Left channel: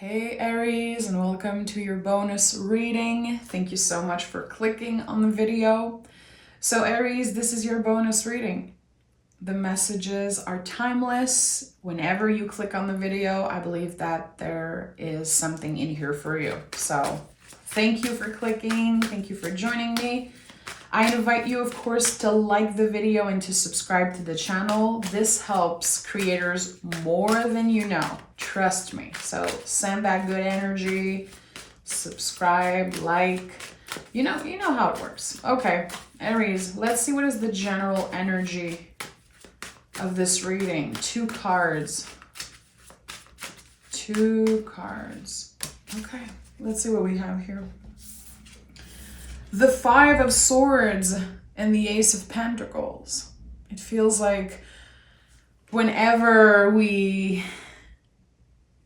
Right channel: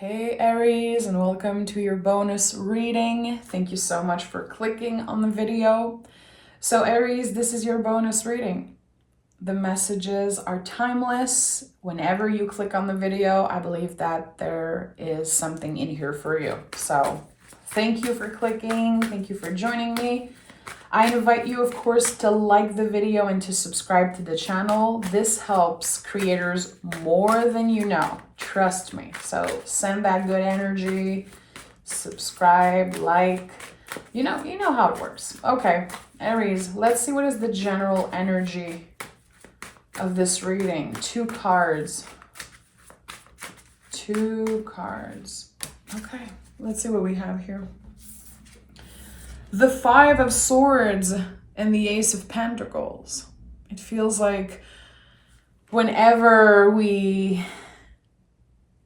Hey Aries, and welcome to your bonus reading. Thank you so much for clicking on the video. So Aries, this is your bonus reading. The messages are timeless. Whenever you click on the video, I believe that there is something in here for you. So thank you for clicking. Thank you for joining me. I invite you, of course, to like the video and to subscribe to the channel. This helps creators more than you know. Trust me. So send that good energy, subscribe, like, you know how it works. Okay, Aries, let's see what is the general energy of this reading. Two cards. Okay, let's see what we have here. The Five of Swords and the Ace of Pentacles. It feels like whenever we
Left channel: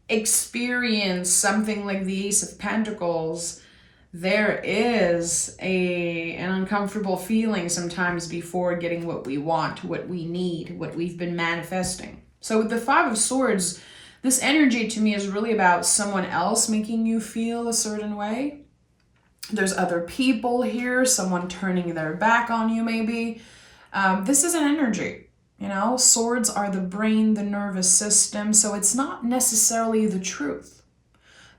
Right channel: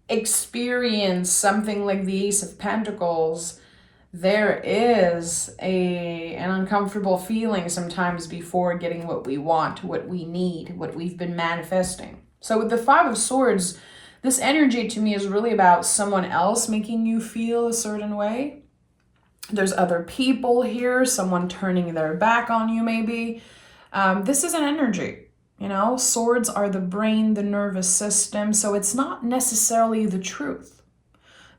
experience something like the Ace of Pentacles, there is an uncomfortable feeling sometimes before getting what we want, what we need, what we've been manifesting. So with the Five of Swords, this energy to me is really about someone else making you feel a certain way. There's other people here, someone turning their back on you maybe. This is an energy, you know. Swords are the brain, the nervous system, so it's not necessarily the truth.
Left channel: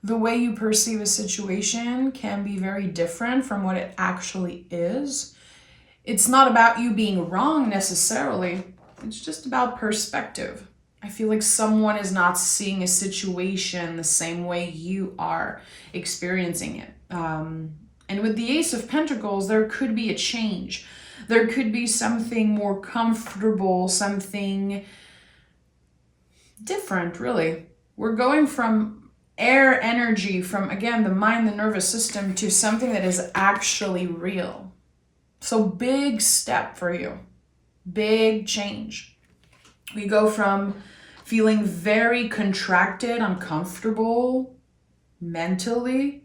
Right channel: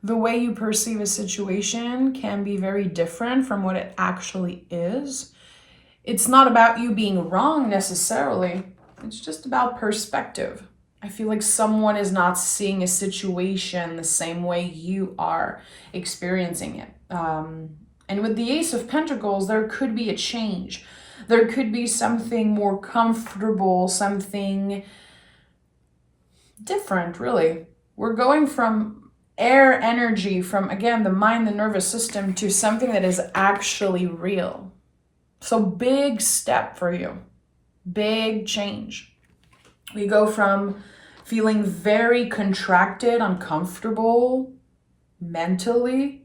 The way you perceive a situation can be very different from what it actually is. It's not about you being wrong necessarily. It's just about perspective. I feel like someone is not seeing a situation the same way you are experiencing it. And with the Ace of Pentacles, there could be a change. There could be something more comfortable, something different, really. We're going from air energy, from, again, the mind, the nervous system, to something that is actually real. So big step for you. Big change. We go from feeling very contracted, uncomfortable mentally,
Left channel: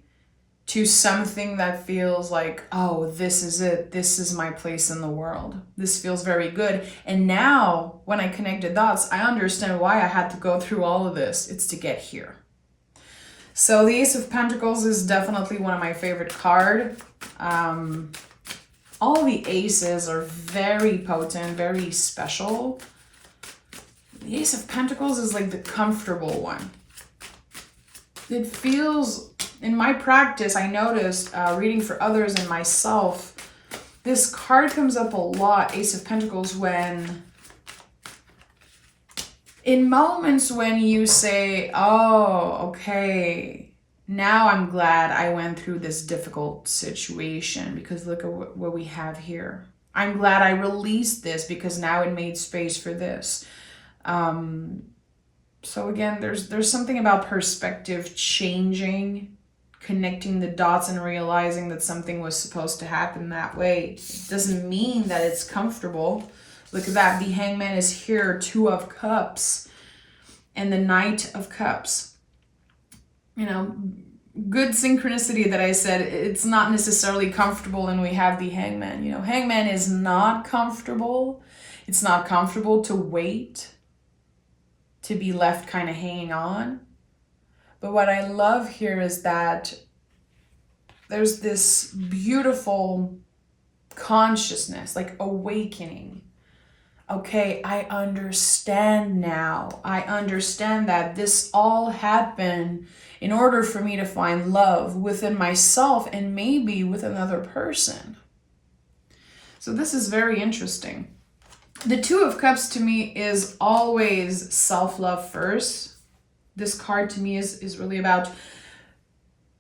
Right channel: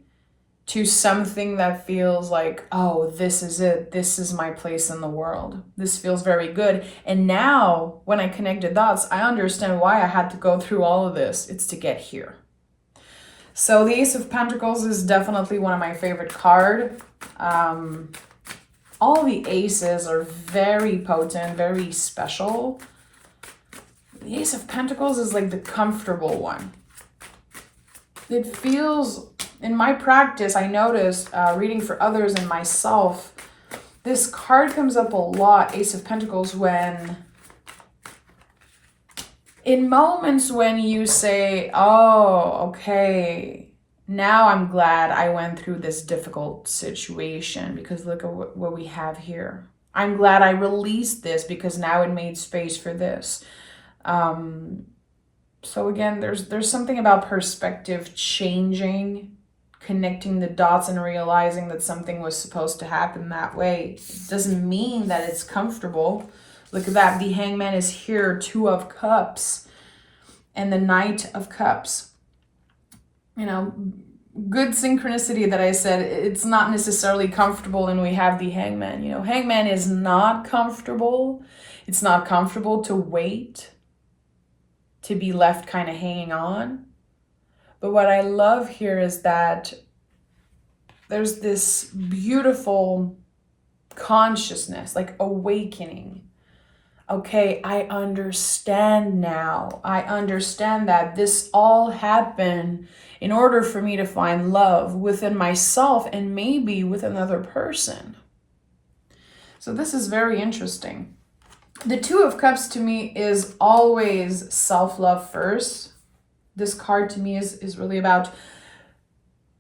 to something that feels like, oh, this is it. This is my place in the world. This feels very good. And now, when I connected dots, I understand why I had to go through all of this. It's to get here. So the Ace of Pentacles is definitely one of my favorite cards. All the aces are very potent, very special. The Ace of Pentacles is like the comfortable one. It feels, in my practice, I noticed reading for others and myself, this card comes up a lot, Ace of Pentacles, in moments when you say, oh, okay, now I'm glad I went through this difficult situation because look at what we have here. I'm glad I released this because now it made space for this. So again, there's something about perspective changing, connecting the dots and realizing that something was supposed to happen that way. It doesn't mean that it's comfortable. Look at that. The Hangman is here, Two of Cups, and the Knight of Cups. You know, good synchronicity that I said it's not necessarily comfortable, and we have the Hangman. You know, Hangman is not comfortable. It's not comfortable to wait, to be left kind of hanging on. But what I love here is that there's this beautiful consciousness, like awakening. Okay, I understand now. I understand that this all happened in order for me to find love within myself and maybe with another person. So this is very interesting. The Two of Cups to me is always self-love first. This card to me is really about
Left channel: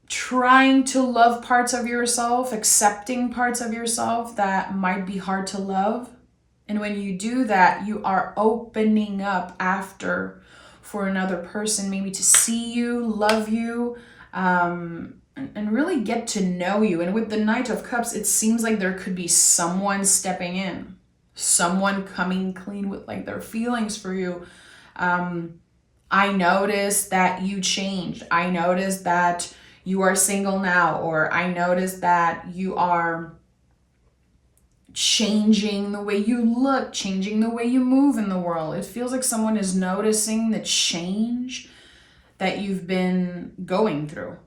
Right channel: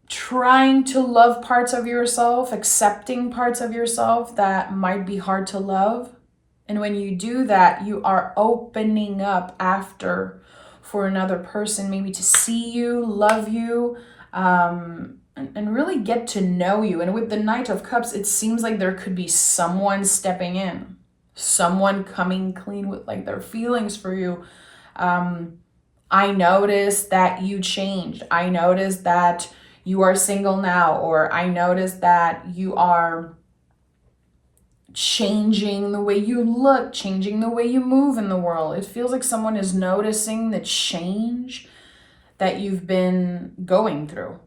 trying to love parts of yourself, accepting parts of yourself that might be hard to love. And when you do that, you are opening up after for another person, maybe to see you, love you, and really get to know you. And with the Knight of Cups, it seems like there could be someone stepping in. Someone coming clean with like their feelings for you. I noticed that you changed. I noticed that you are single now, or I noticed that you are changing the way you look, changing the way you move in the world. It feels like someone is noticing the change that you've been going through.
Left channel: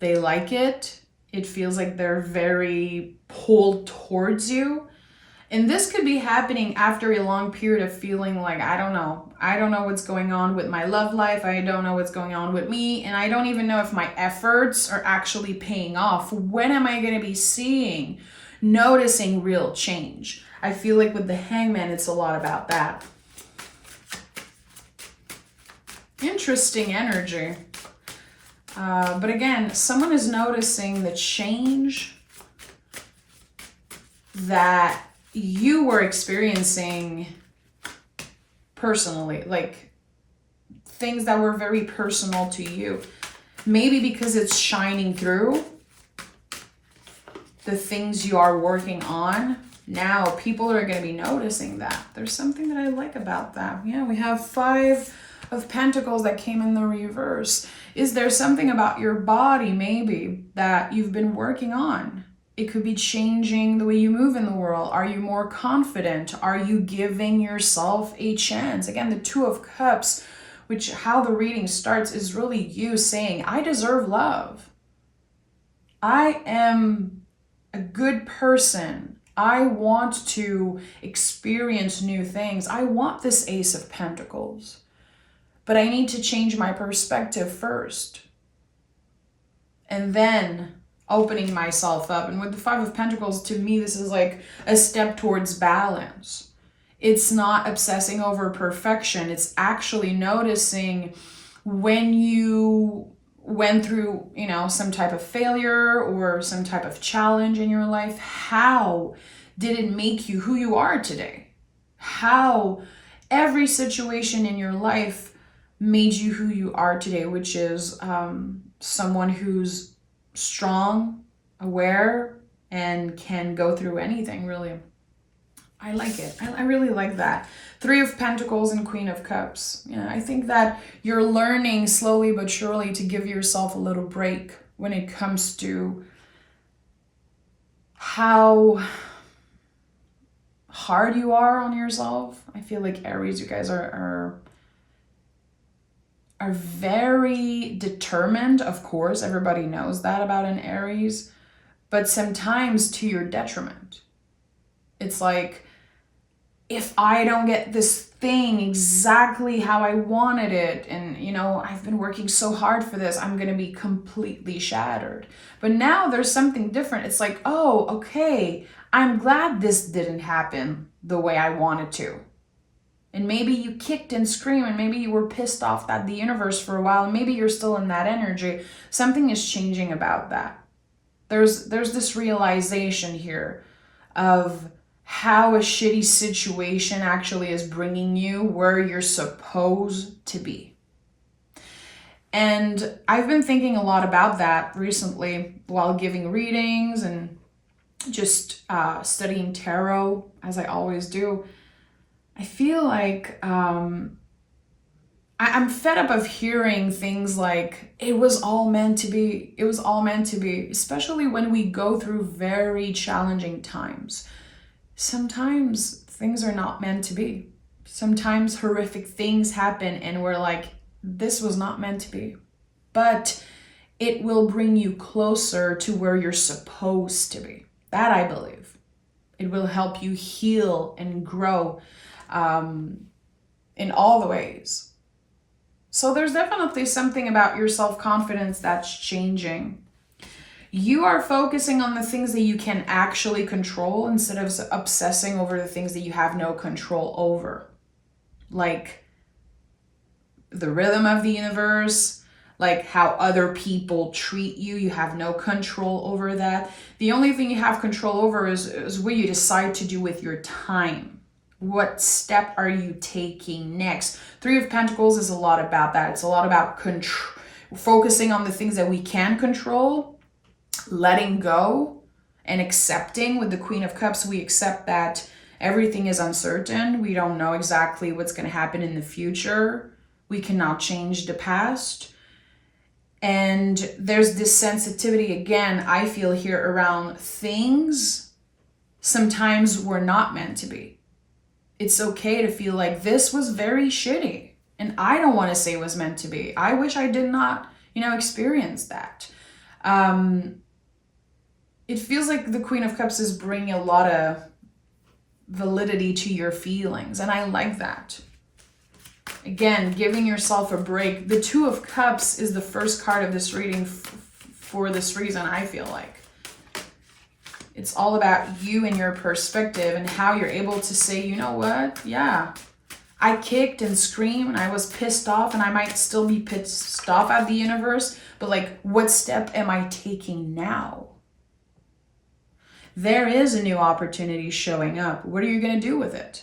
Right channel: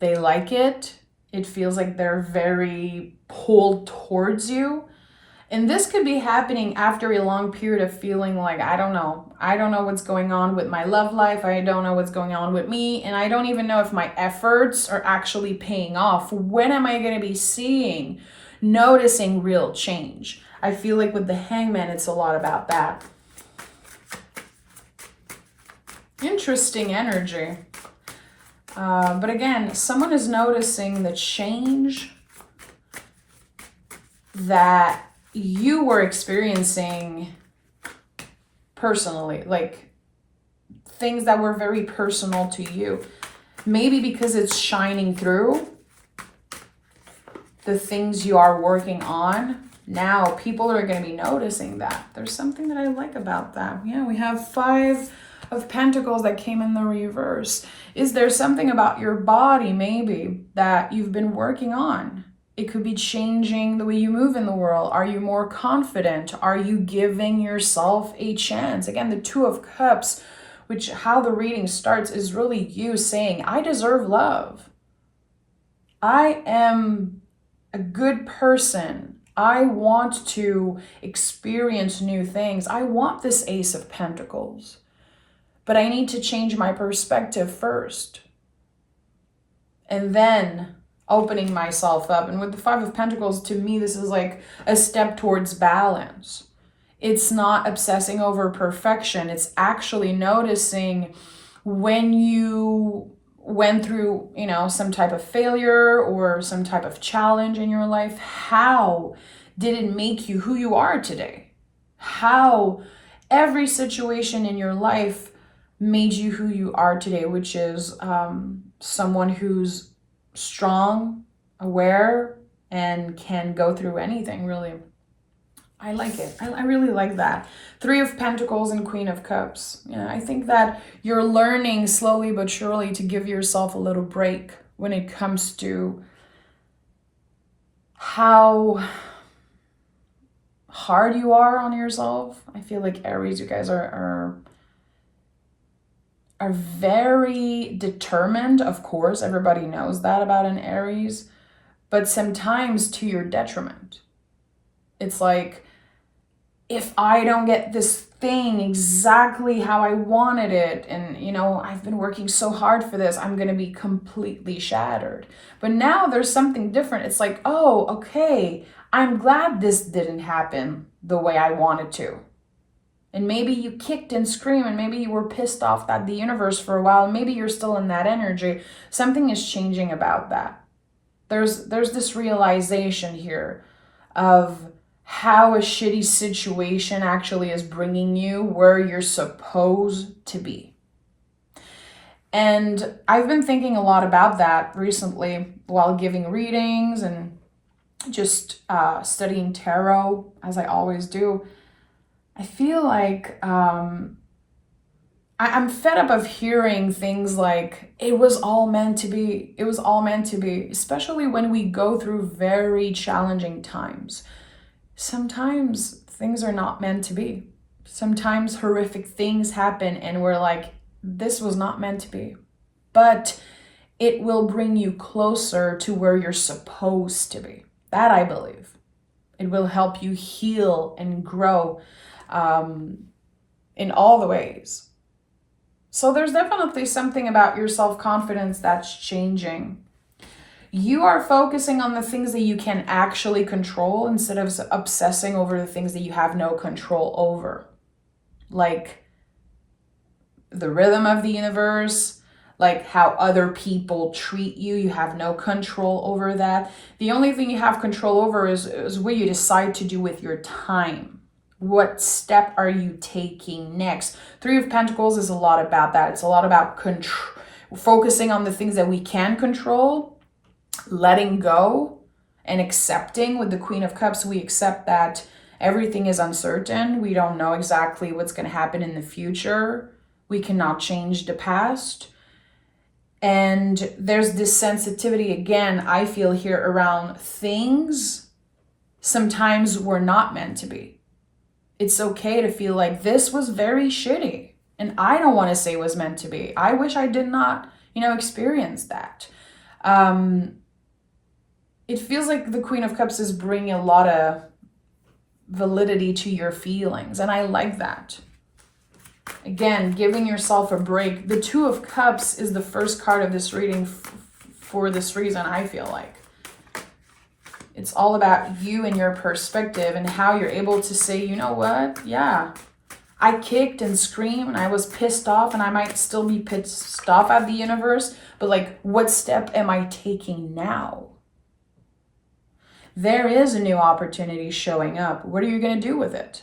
They like it. It feels like they're very pulled towards you. And this could be happening after a long period of feeling like, I don't know what's going on with my love life. I don't know what's going on with me. And I don't even know if my efforts are actually paying off. When am I going to be noticing real change? I feel like with the Hangman, it's a lot about that. Interesting energy. But again, someone is noticing the change that you were experiencing personally, like things that were very personal to you. Maybe because it's shining through the things you are working on. Now people are going to be noticing that. There's something that I like about that. Yeah, we have 5 of Pentacles that came in the reverse. Is there something about your body maybe that you've been working on? It could be changing the way you move in the world. Are you more confident? Are you giving yourself a chance? Again, the 2 of Cups, which how the reading starts is really you saying, I deserve love. I am a good person. I want to experience new things. I want this Ace of Pentacles. But I need to change my perspective first. And then opening myself up. And with the 5 of Pentacles, to me, this is like a step towards balance. It's not obsessing over perfection. It's actually noticing when you went through, some type of failure or some type of challenge in your life, how did it make you who you are today? How every situation in your life made you who you are today, which is someone who's strong, aware, and can go through anything, really. I like it. I really like that. 3 of Pentacles and Queen of Cups. I think that you're learning slowly but surely to give yourself a little break when it comes to how hard you are on yourself. I feel like Aries, you guys are very determined. Of course, everybody knows that about an Aries, but sometimes to your detriment. It's like, if I don't get this thing exactly how I wanted it, and I've been working so hard for this, I'm going to be completely shattered. But now there's something different. It's like, oh, okay, I'm glad this didn't happen the way I wanted to. And maybe you kicked and screamed, and maybe you were pissed off at the universe for a while, and maybe you're still in that energy. Something is changing about that. There's this realization here of how a shitty situation actually is bringing you where you're supposed to be. And I've been thinking a lot about that recently while giving readings and just studying tarot, as I always do. I feel like I'm fed up of hearing things like, it was all meant to be. It was all meant to be, especially when we go through very challenging times. Sometimes things are not meant to be. Sometimes horrific things happen and we're like, this was not meant to be. But it will bring you closer to where you're supposed to be. That I believe. It will help you heal and grow in all the ways. So there's definitely something about your self-confidence that's changing. You are focusing on the things that you can actually control instead of obsessing over the things that you have no control over. Like the rhythm of the universe, like how other people treat you. You have no control over that. The only thing you have control over is what you decide to do with your time. What step are you taking next? 3 of Pentacles is a lot about that. It's a lot about focusing on the things that we can control, letting go, and accepting. With the Queen of Cups, we accept that everything is uncertain. We don't know exactly what's going to happen in the future. We cannot change the past. And there's this sensitivity, again, I feel here around things sometimes were not meant to be. It's okay to feel like this was very shitty. And I don't want to say it was meant to be. I wish I did not, experience that. It feels like the Queen of Cups is bringing a lot of validity to your feelings. And I like that. Again, giving yourself a break. The Two of Cups is the first card of this reading for this reason, I feel like. It's all about you and your perspective and how you're able to say, you know what? Yeah, I kicked and screamed and I was pissed off, and I might still be pissed off at the universe, but like, what step am I taking now? There is a new opportunity showing up. What are you going to do with it?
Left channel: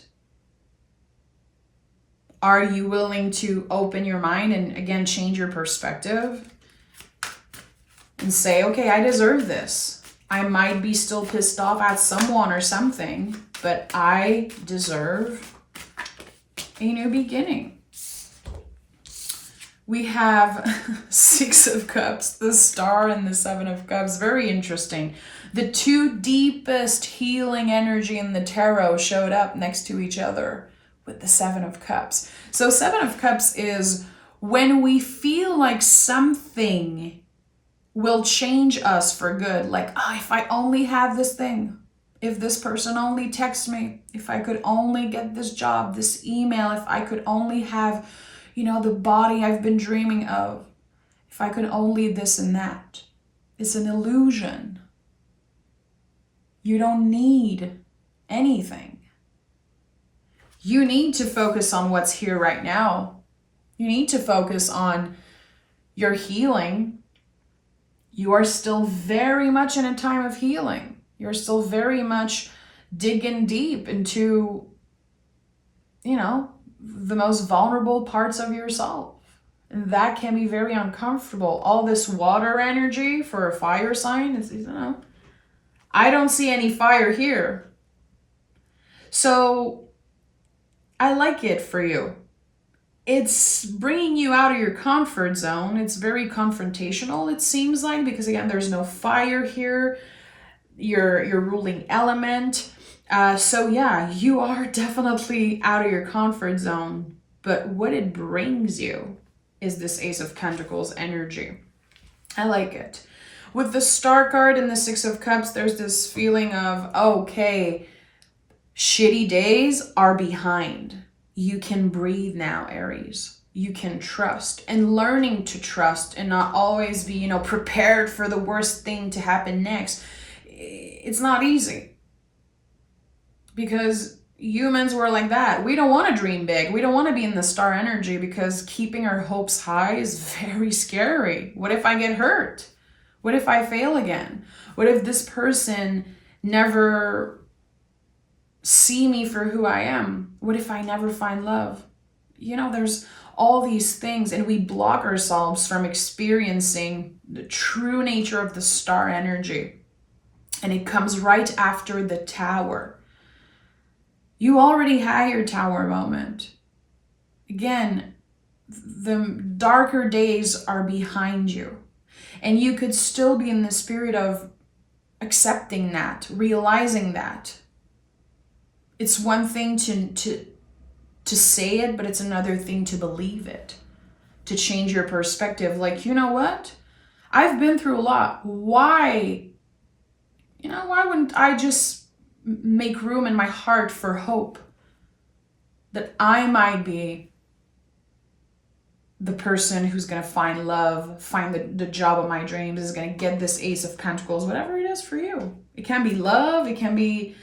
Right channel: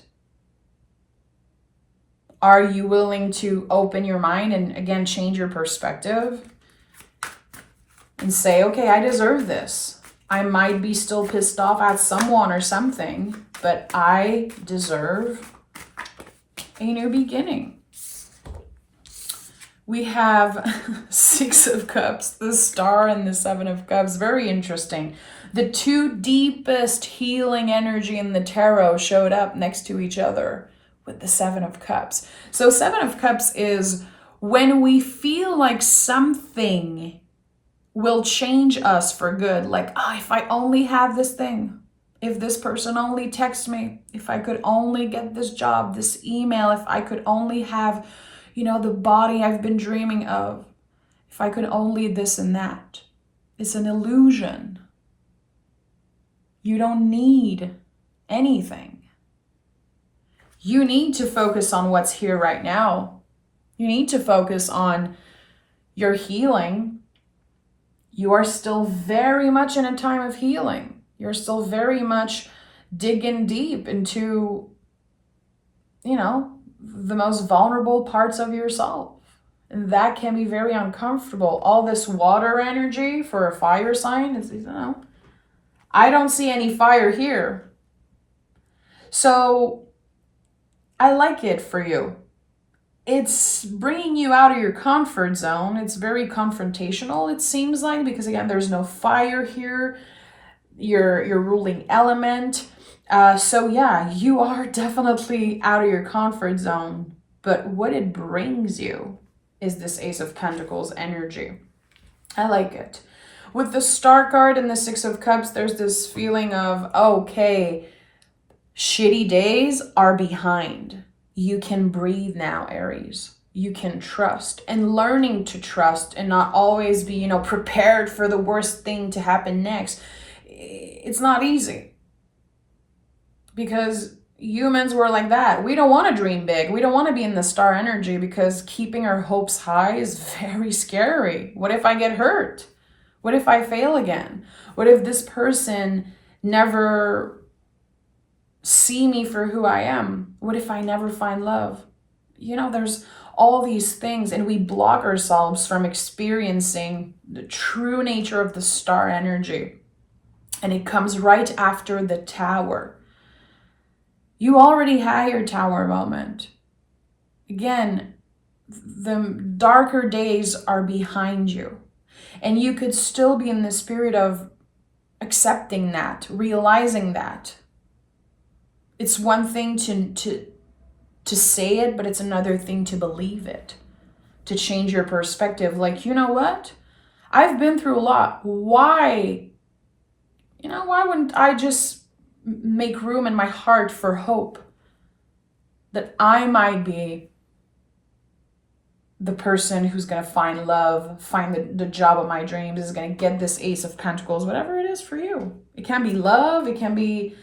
Are you willing to open your mind and, again, change your perspective and say, okay, I deserve this. I might be still pissed off at someone or something, but I deserve a new beginning. We have Six of Cups, the Star and the Seven of Cups. Very interesting. The two deepest healing energy in the tarot showed up next to each other with the Seven of Cups. So Seven of Cups is when we feel like something will change us for good. Like, if I only have this thing, if this person only texts me, if I could only get this job, this email, if I could only have, the body I've been dreaming of, if I could only this and that. It's an illusion. You don't need anything. You need to focus on what's here right now. You need to focus on your healing. You are still very much in a time of healing. You're still very much digging deep into, the most vulnerable parts of yourself. And that can be very uncomfortable. All this water energy for a fire sign is, I don't see any fire here. So I like it for you. It's bringing you out of your comfort zone. It's very confrontational, it seems like, because again, there's no fire here. Your ruling element. So yeah, you are definitely out of your comfort zone. But what it brings you is this Ace of Pentacles energy. I like it. With the Star card and the Six of Cups, there's this feeling of, okay, shitty days are behind. You can breathe now, Aries. You can trust, and learning to trust and not always be, prepared for the worst thing to happen next. It's not easy because humans were like that. We don't want to dream big. We don't want to be in the star energy because keeping our hopes high is very scary. What if I get hurt? What if I fail again? What if this person never see me for who I am? What if I never find love? There's all these things, and we block ourselves from experiencing the true nature of the star energy. And it comes right after the Tower. You already had your Tower moment. Again, the darker days are behind you. And you could still be in the spirit of accepting that, realizing that. It's one thing to say it, but it's another thing to believe it, to change your perspective. Like, you know what? I've been through a lot. Why wouldn't I just make room in my heart for hope that I might be the person who's going to find love, find the job of my dreams, is going to get this Ace of Pentacles, whatever it is for you. It can be love. It can be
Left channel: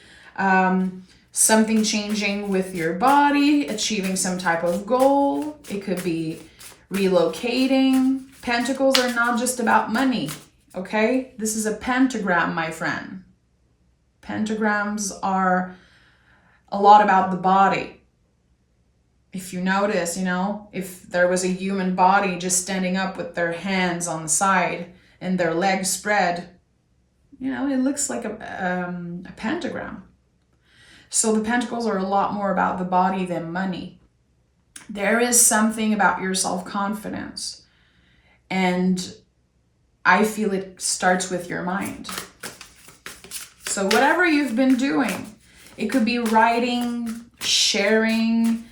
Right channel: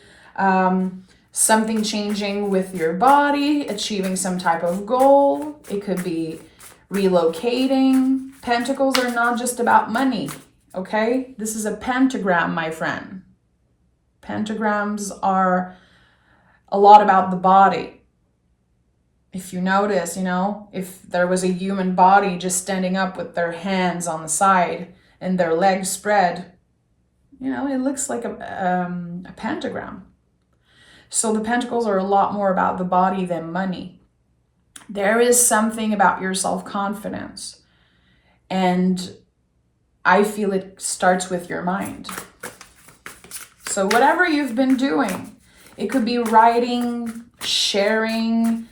something changing with your body, achieving some type of goal. It could be relocating. Pentacles are not just about money, okay? This is a pentagram, my friend. Pentagrams are a lot about the body. If you notice, if there was a human body just standing up with their hands on the side and their legs spread, it looks like a pentagram. So the pentacles are a lot more about the body than money. There is something about your self-confidence. And I feel it starts with your mind. So whatever you've been doing, it could be writing, sharing,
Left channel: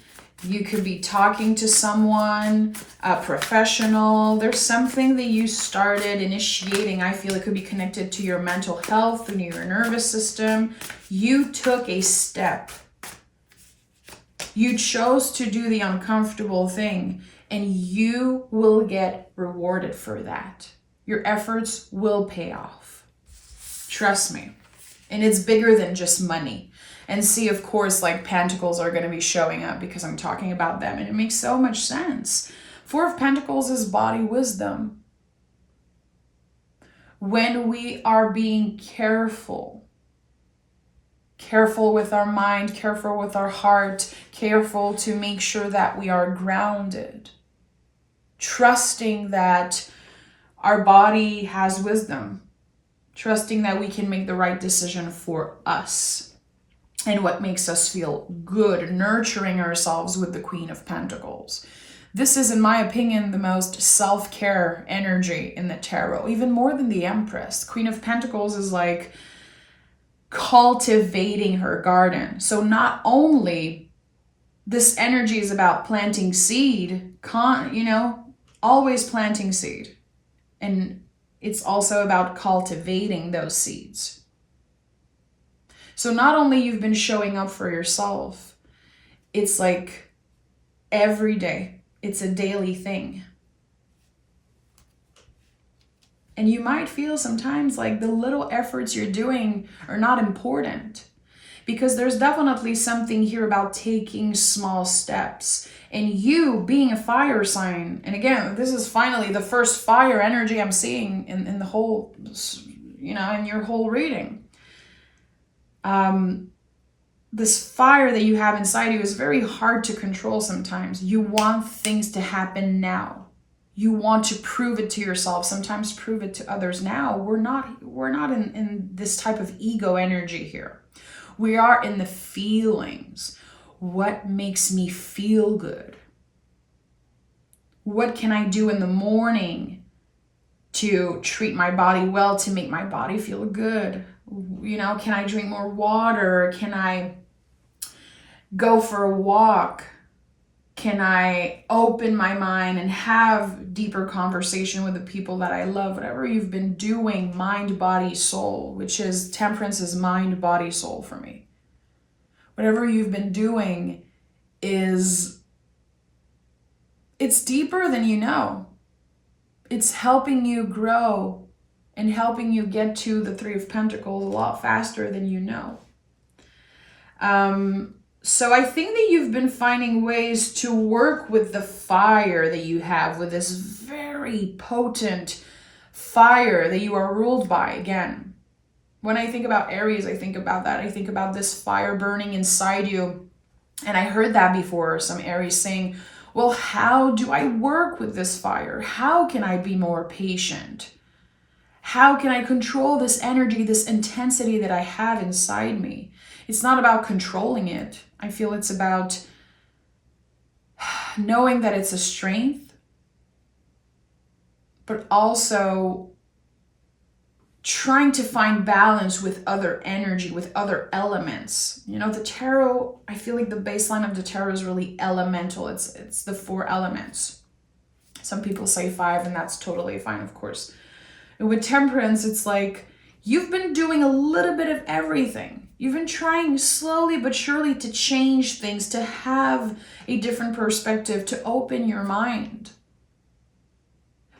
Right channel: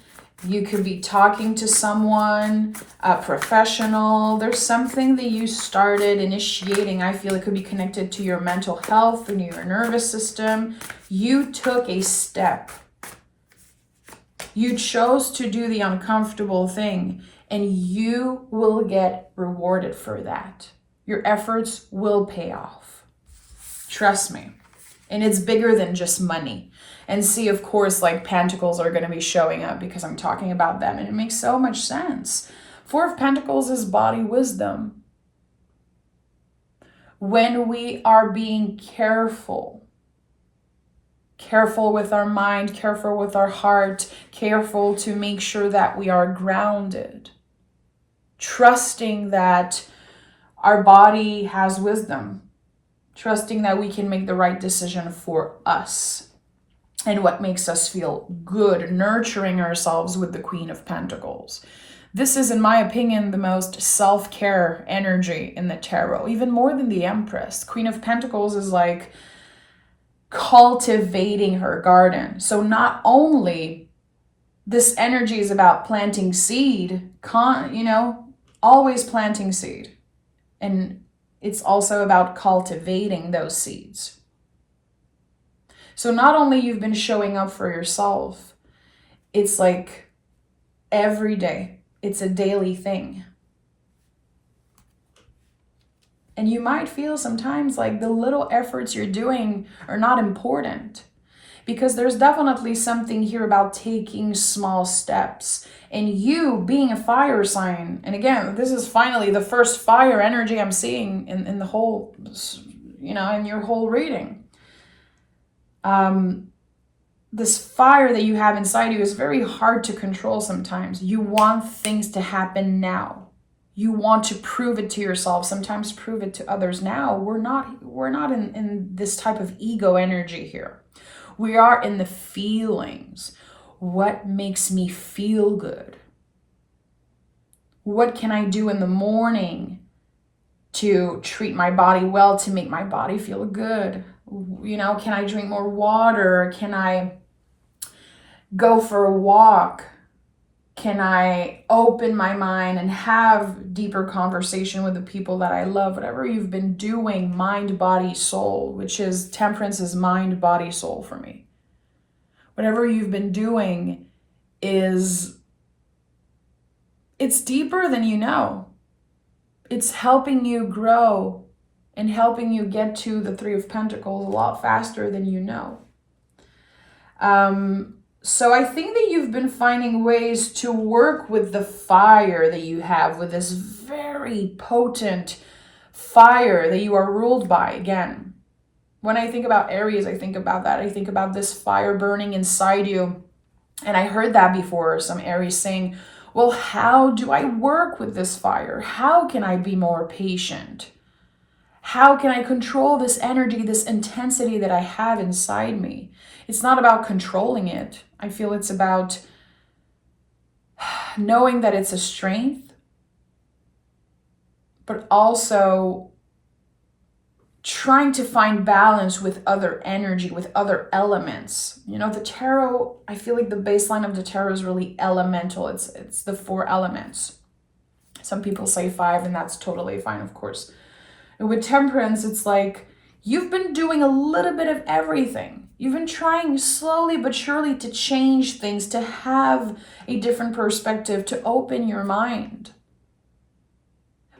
You could be talking to someone, a professional. There's something that you started initiating. I feel it could be connected to your mental health and your nervous system. You took a step. You chose to do the uncomfortable thing, and you will get rewarded for that. Your efforts will pay off. Trust me. And it's bigger than just money. And see, of course, like Pentacles are going to be showing up because I'm talking about them. And it makes so much sense. Four of Pentacles is body wisdom. When we are being careful with our mind, careful with our heart, careful to make sure that we are grounded, trusting that our body has wisdom, trusting that we can make the right decision for us and what makes us feel good, nurturing ourselves with the Queen of Pentacles. This is, in my opinion, the most self-care energy in the tarot, even more than the Empress. Queen of Pentacles is like cultivating her garden. So not only this energy is about planting seed, always planting seed. And it's also about cultivating those seeds. So not only you've been showing up for yourself, it's like every day. It's a daily thing. And you might feel sometimes like the little efforts you're doing are not important, because there's definitely something here about taking small steps. And you being a fire sign, and again, this is finally the first fire energy I'm seeing in the whole, in your whole reading. This fire that you have inside you is very hard to control sometimes. You want things to happen now. You want to prove it to yourself, sometimes prove it to others. Now, we're not in this type of ego energy here. We are in the feelings. What makes me feel good? What can I do in the morning to treat my body well, to make my body feel good? Can I drink more water? Can I go for a walk? Can I open my mind and have deeper conversation with the people that I love? Whatever you've been doing, mind, body, soul, which is Temperance is mind, body, soul for me. Whatever you've been doing it's deeper than you know. It's helping you grow and helping you get to the Three of Pentacles a lot faster than you know. So I think that you've been finding ways to work with the fire that you have, with this very potent fire that you are ruled by. Again, when I think about Aries, I think about that. I think about this fire burning inside you. And I heard that before, some Aries saying, well, how do I work with this fire? How can I be more patient? How can I control this energy, this intensity that I have inside me? It's not about controlling it. I feel it's about knowing that it's a strength, but also trying to find balance with other energy, with other elements. The tarot, I feel like the baseline of the tarot is really elemental. It's the 4 elements. Some people say 5, and that's totally fine, of course. And with Temperance, it's like you've been doing a little bit of everything. You've been trying slowly but surely to change things, to have a different perspective, to open your mind.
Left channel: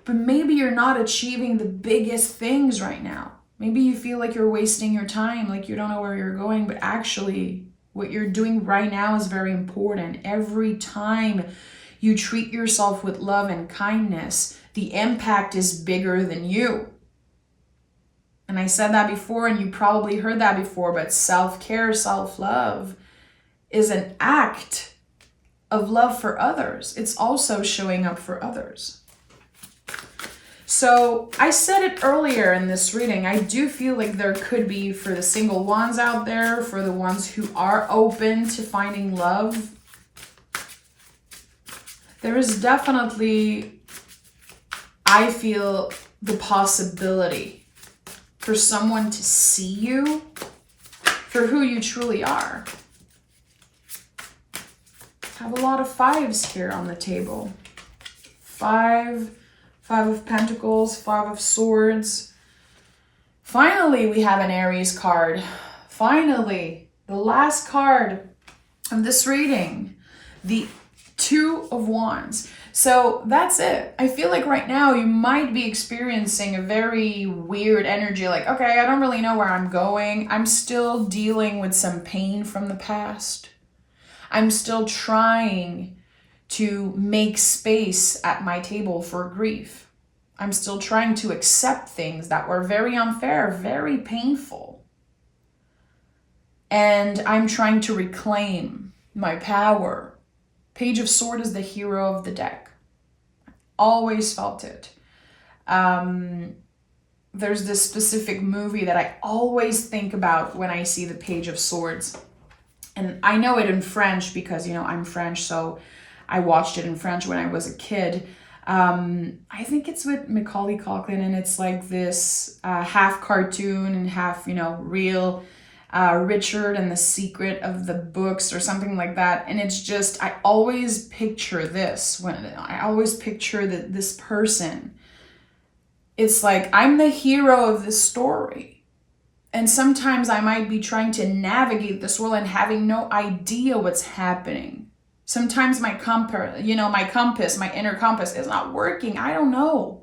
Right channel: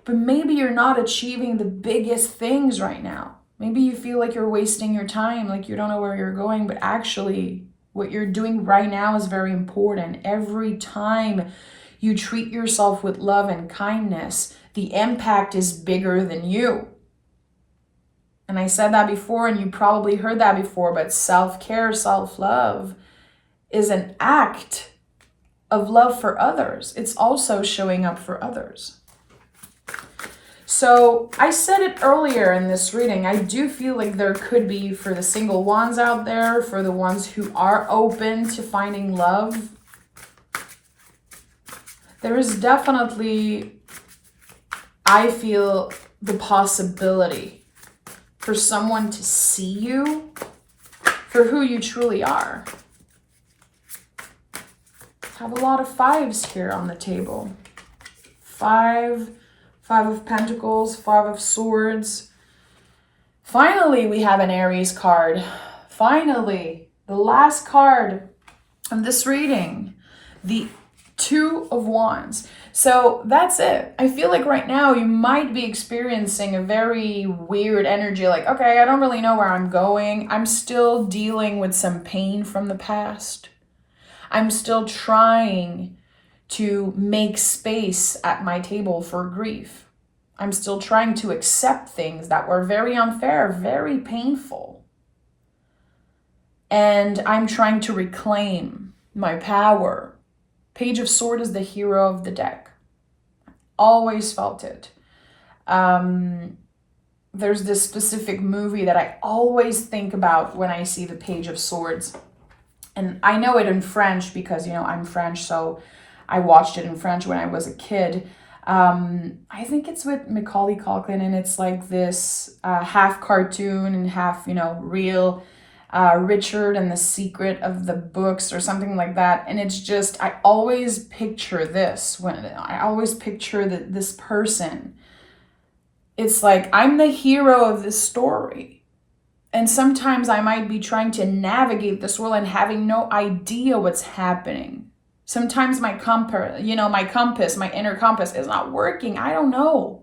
But maybe you're not achieving the biggest things right now. Maybe you feel like you're wasting your time, like you don't know where you're going, but actually what you're doing right now is very important. Every time you treat yourself with love and kindness, the impact is bigger than you. And I said that before, and you probably heard that before, but self-care, self-love is an act of love for others. It's also showing up for others. So I said it earlier in this reading, I do feel like there could be, for the single ones out there, for the ones who are open to finding love, there is definitely, I feel, the possibility for someone to see you for who you truly are. have a lot of fives here on the table. Five of Pentacles, Five of Swords. Finally, we have an Aries card. Finally, the last card of this reading, the Two of Wands. So that's it. I feel like right now you might be experiencing a very weird energy. Like, okay, I don't really know where I'm going. I'm still dealing with some pain from the past. I'm still trying to make space at my table for grief. I'm still trying to accept things that were very unfair, very painful. And I'm trying to reclaim my power. Page of Swords is the hero of the deck. Always felt it. There's this specific movie that I always think about when I see the Page of Swords. And I know it in French because, you know, I'm French, so I watched it in French when I was a kid. I think it's with Macaulay Culkin, and it's like this half cartoon and half, you know, real Richard and the Secret of the Books or something like that. And it's just, I always picture this when I always picture that this person. It's like, I'm the hero of this story. And sometimes I might be trying to navigate this world and having no idea what's happening. Sometimes my compass, my inner compass is not working. I don't know.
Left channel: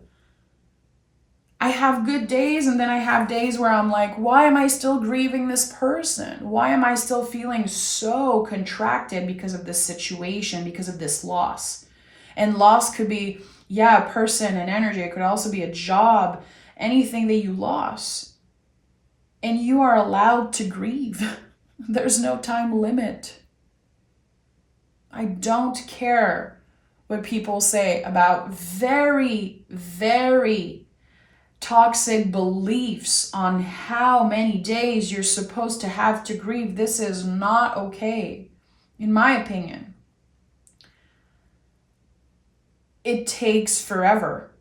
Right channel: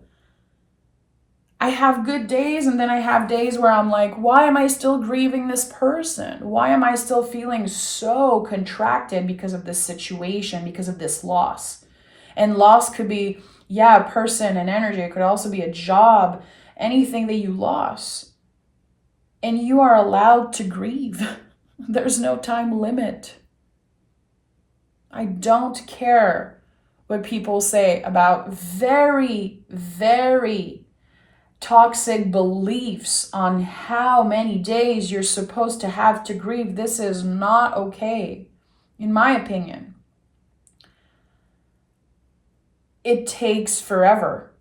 I have good days, and then I have days where I'm like, why am I still grieving this person? Why am I still feeling so contracted because of this situation, because of this loss? And loss could be, a person and energy. It could also be a job, anything that you lost. And you are allowed to grieve. There's no time limit. I don't care what people say about very, very toxic beliefs on how many days you're supposed to have to grieve. This is not okay, in my opinion. It takes forever.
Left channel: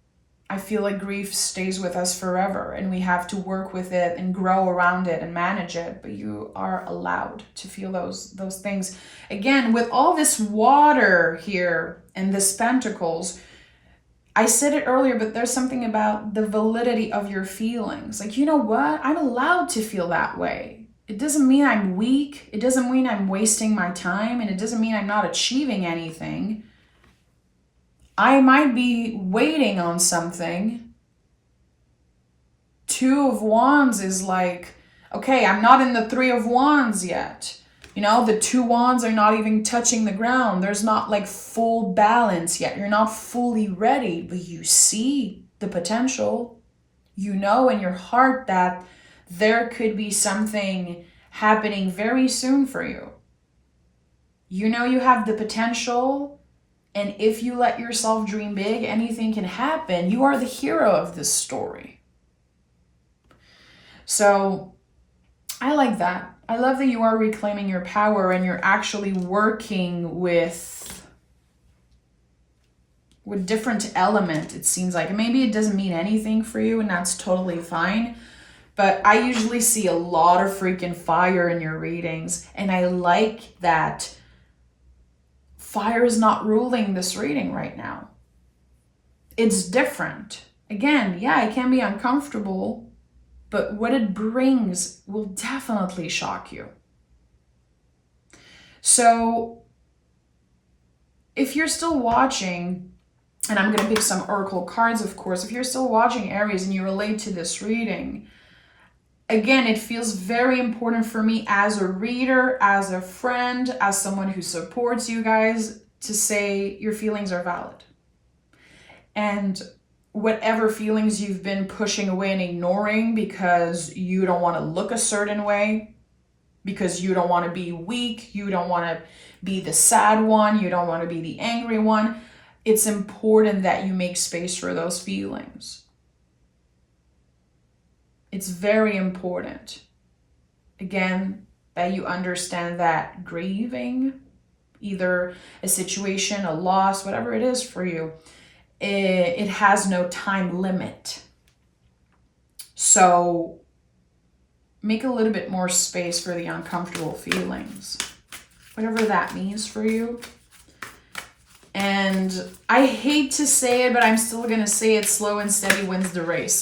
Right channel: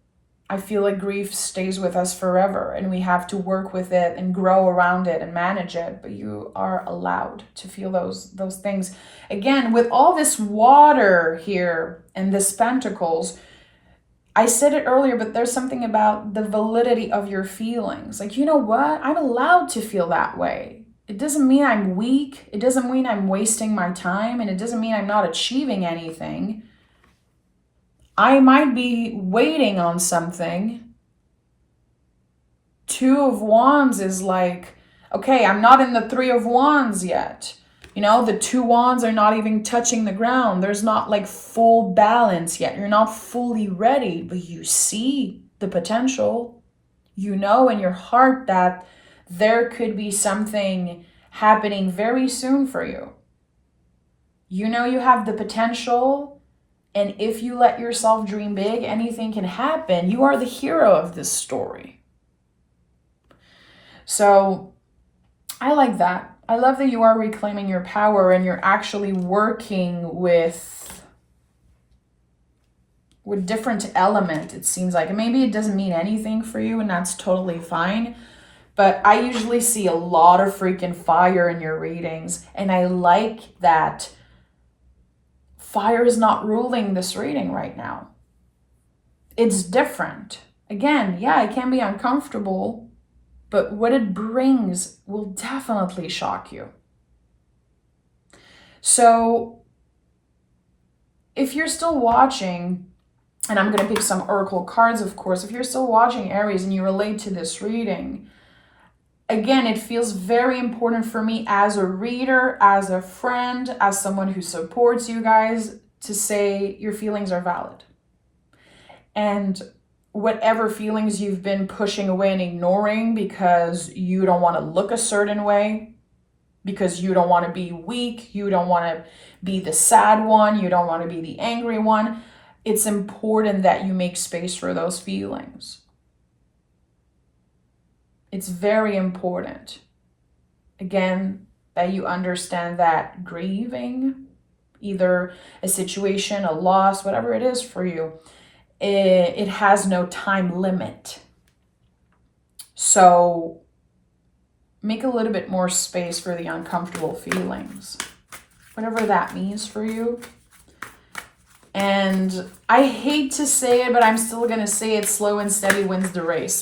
I feel like grief stays with us forever, and we have to work with it and grow around it and manage it. But you are allowed to feel those things. Again, with all this water here and this pentacles, I said it earlier, but there's something about the validity of your feelings. Like, you know what? I'm allowed to feel that way. It doesn't mean I'm weak. It doesn't mean I'm wasting my time, and it doesn't mean I'm not achieving anything. I might be waiting on something. Two of Wands is like, okay, I'm not in the Three of Wands yet. You know, the two wands are not even touching the ground. There's not like full balance yet. You're not fully ready, but you see the potential. You know in your heart that there could be something happening very soon for you. You know you have the potential. And if you let yourself dream big, anything can happen. You are the hero of this story. So I like that. I love that you are reclaiming your power and you're actually working with different element, it seems like. And maybe it doesn't mean anything for you, and that's totally fine. But I usually see a lot of freaking fire in your readings. And I like that fire is not ruling this reading right now. It's different. Again, it can be uncomfortable, but what it brings will definitely shock you. So if you're still watching, and I'm going to pick some oracle cards, of course, if you're still watching Aries and you relate to this reading, again, it feels very important for me as a reader, as a friend, as someone who supports you guys, to say your feelings are valid. And whatever feelings you've been pushing away and ignoring because you don't want to look a certain way, because you don't want to be weak, you don't want to be the sad one, you don't want to be the angry one, it's important that you make space for those feelings. It's very important, again, that you understand that grieving, either a situation, a loss, whatever it is for you, it has no time limit. So make a little bit more space for the uncomfortable feelings, whatever that means for you. And I hate to say it, but I'm still going to say it, slow and steady wins the race.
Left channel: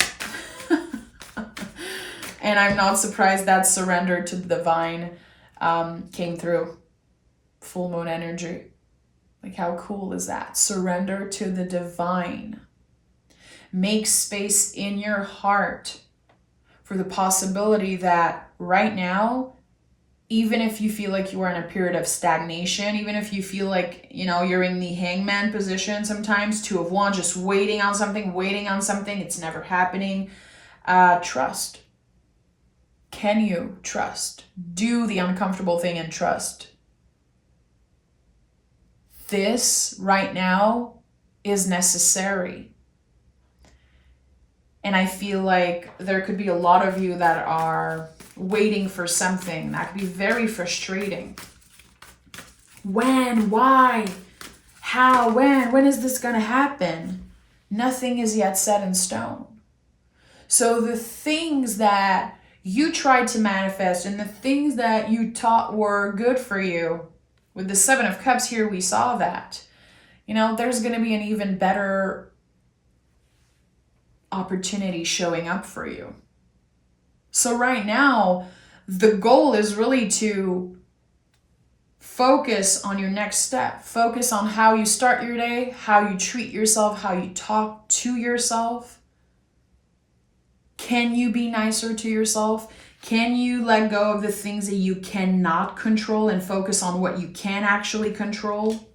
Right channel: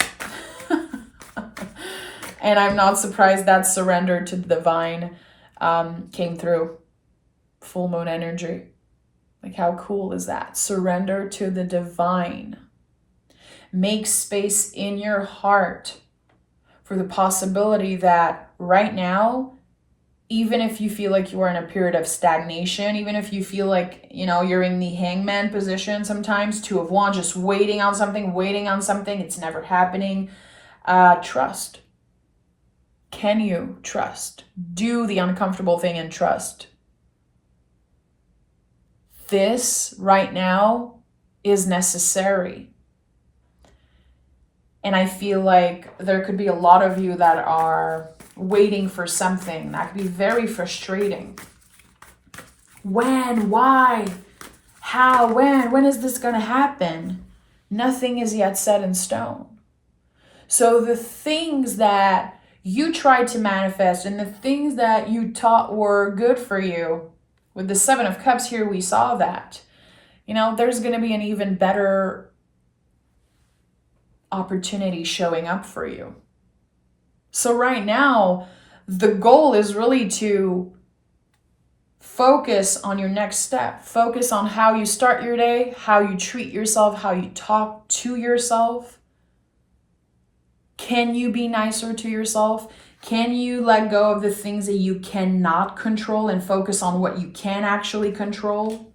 And I'm not surprised that surrender to the divine came through. Full moon energy. Like, how cool is that? Surrender to the divine. Make space in your heart for the possibility that right now, even if you feel like you are in a period of stagnation, even if you feel like, you know, you're in the hangman position sometimes, Two of Wands, just waiting on something, it's never happening. Trust. Can you trust? Do the uncomfortable thing and trust. This right now is necessary. And I feel like there could be a lot of you that are waiting for something. That could be very frustrating. When? Why? How? When is this going to happen? Nothing is yet set in stone. So the things that you tried to manifest and the things that you thought were good for you, with the Seven of Cups here, we saw that. You know, there's going to be an even better opportunity showing up for you. So right now, the goal is really to focus on your next step. Focus on how you start your day, how you treat yourself, how you talk to yourself. Can you be nicer to yourself? Can you let go of the things that you cannot control and focus on what you can actually control?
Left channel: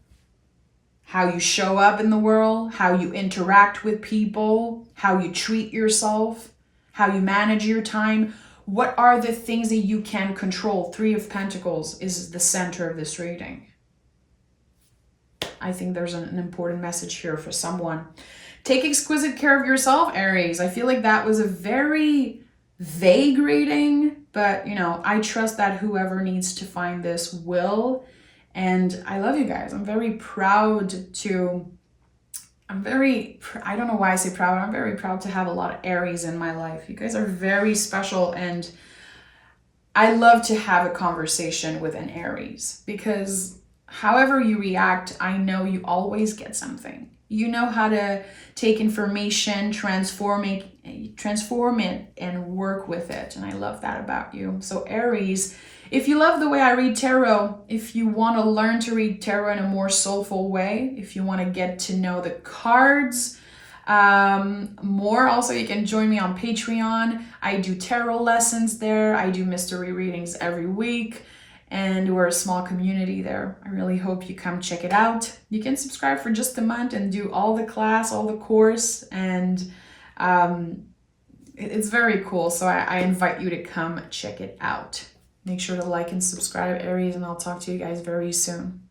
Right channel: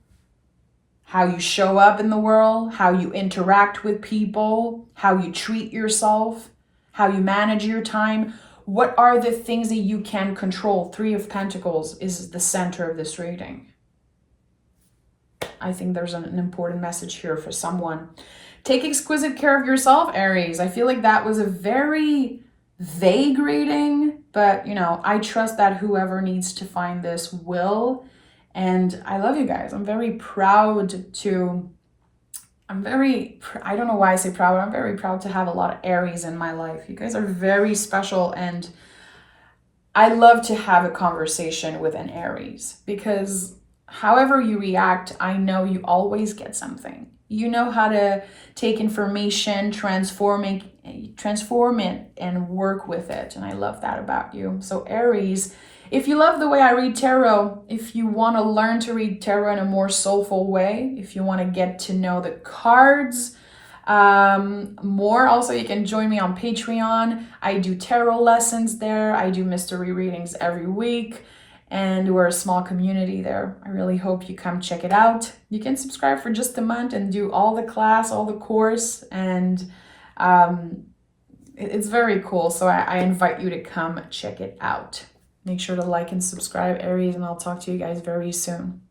How you show up in the world, how you interact with people, how you treat yourself, how you manage your time. What are the things that you can control? Three of Pentacles is the center of this reading. I think there's an important message here for someone. Take exquisite care of yourself, Aries. I feel like that was a very vague reading, but you know, I trust that whoever needs to find this will. And I love you guys. I'm very proud to, I don't know why I say proud. I'm very proud to have a lot of Aries in my life. You guys are very special. And I love to have a conversation with an Aries because however you react, I know you always get something. You know how to take information, transform it and work with it. And I love that about you. So Aries, if you love the way I read tarot, if you want to learn to read tarot in a more soulful way, if you want to get to know the cards more, also you can join me on Patreon. I do tarot lessons there. I do mystery readings every week. And we're a small community there. I really hope you come check it out. You can subscribe for just a month and do all the class, all the course. And it's very cool. So I invite you to come check it out. Make sure to like and subscribe, Aries, and I'll talk to you guys very soon.